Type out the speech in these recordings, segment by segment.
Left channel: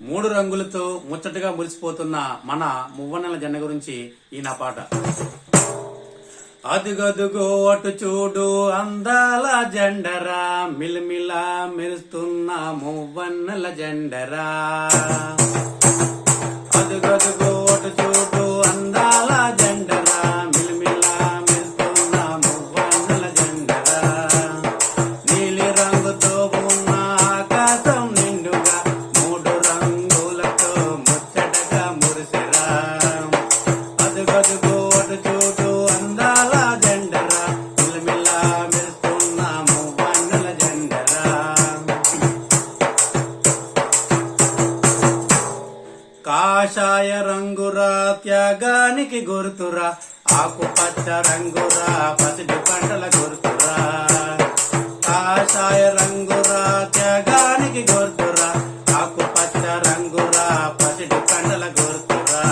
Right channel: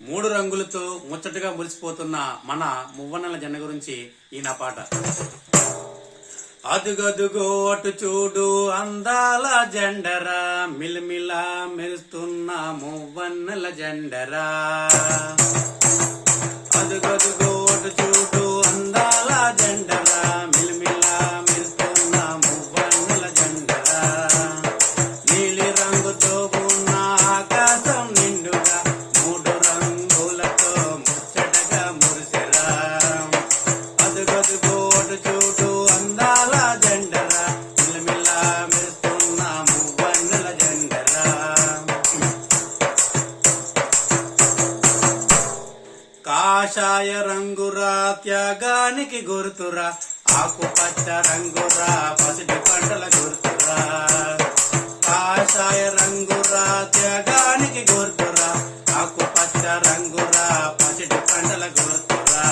మూడు రంగులతో ముచ్చటగా మురిసిపోతున్న మన మువ్వన్నెల జెండ గురించి ఈ నా పాట. అదుగదుగో అటు చూడు అందాల జెండరా, మిలమిలా మెరుస్తున్న మువ్వన్నెల జెండరా. అదుగదుగో అటు చూడు అందాల జెండరా, మిలమిలా మెరుస్తున్న మువ్వన్నెల జెండరా. నీలి రంగుతో ఉన్న ఆకాశం నిండుగా మూడు రంగులతో ముచ్చటగా మురిసెరా. అదుగదుగో అటు చూడు అందాల జెండరా, మిలమిలా మెరుస్తున్న మువ్వన్నెల జెండరా. కాషాయ రంగురా త్యాగానికి గుర్తురా, ఆకుపచ్చ రంగురా పసిడి పంటల గుర్తురా. కాషాయ రంగురా త్యాగానికి గుర్తురా, ఆకుపచ్చ రంగురా పసిడి పంటల గుర్తురా.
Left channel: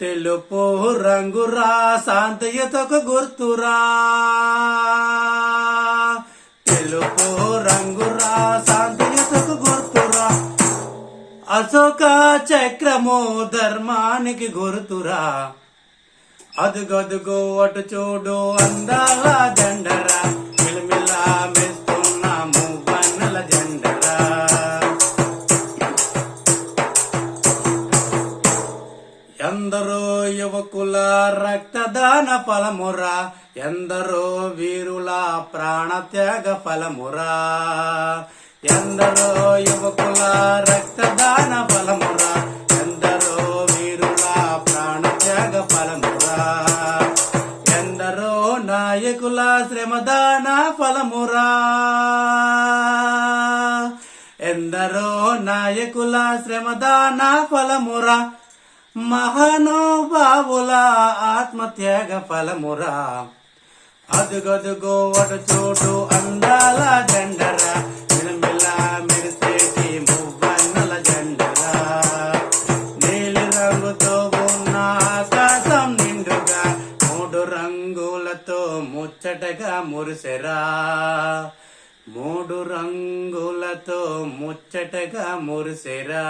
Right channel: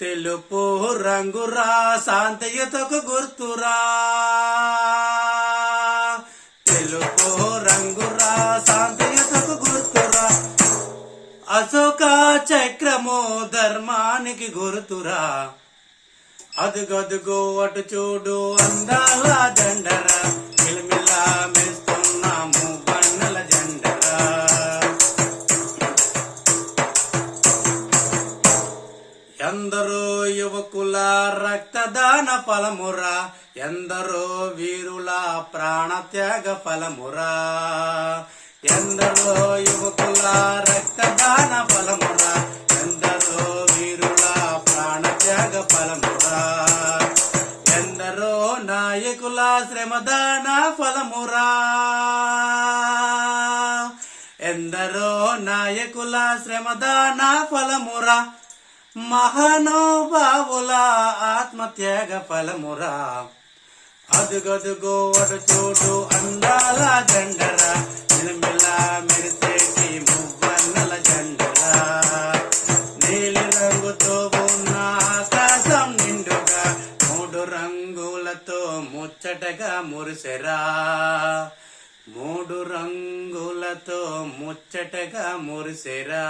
తెలుపు రంగురా శాంతియుతకు గుర్తురా. తెలుపు రంగురా శాంతియుతకు గుర్తురా. అశోక చక్రము ధర్మానికి గుర్తురా. అదుగదుగో అటు చూడు అందాల జెండరా, మిలమిలా మెరుస్తున్న మువ్వన్నెల జెండరా. ఎందరో యువకుల రక్తదాన ఫలమురా, ఎందరో వీరుల ప్రాణత్యాగ ఫలమురా. ఎందరో యువకుల రక్తదాన ఫలమురా, ఎందరో వీరుల ప్రాణత్యాగ ఫలమురా. ఎందరో నాయకుల శ్రమదాన ఫలమురా. ఎందరో నాయకుల శ్రమదాన ఫలమురా. మహానుభావుల ఆత్మత్యాగ ఫలమురా. అదుగదుగో అటు చూడు అందాల జెండరా, మిలమిలా మెరిసేటి మువ్వన్నెల జెండరా. నీలి రంగుతో ఉన్న ఆకాశం నిండుగా మూడు రంగులతో ముచ్చటగా మురిసెరా. మూడు రంగులతో ముచ్చటగా మురిసెరా.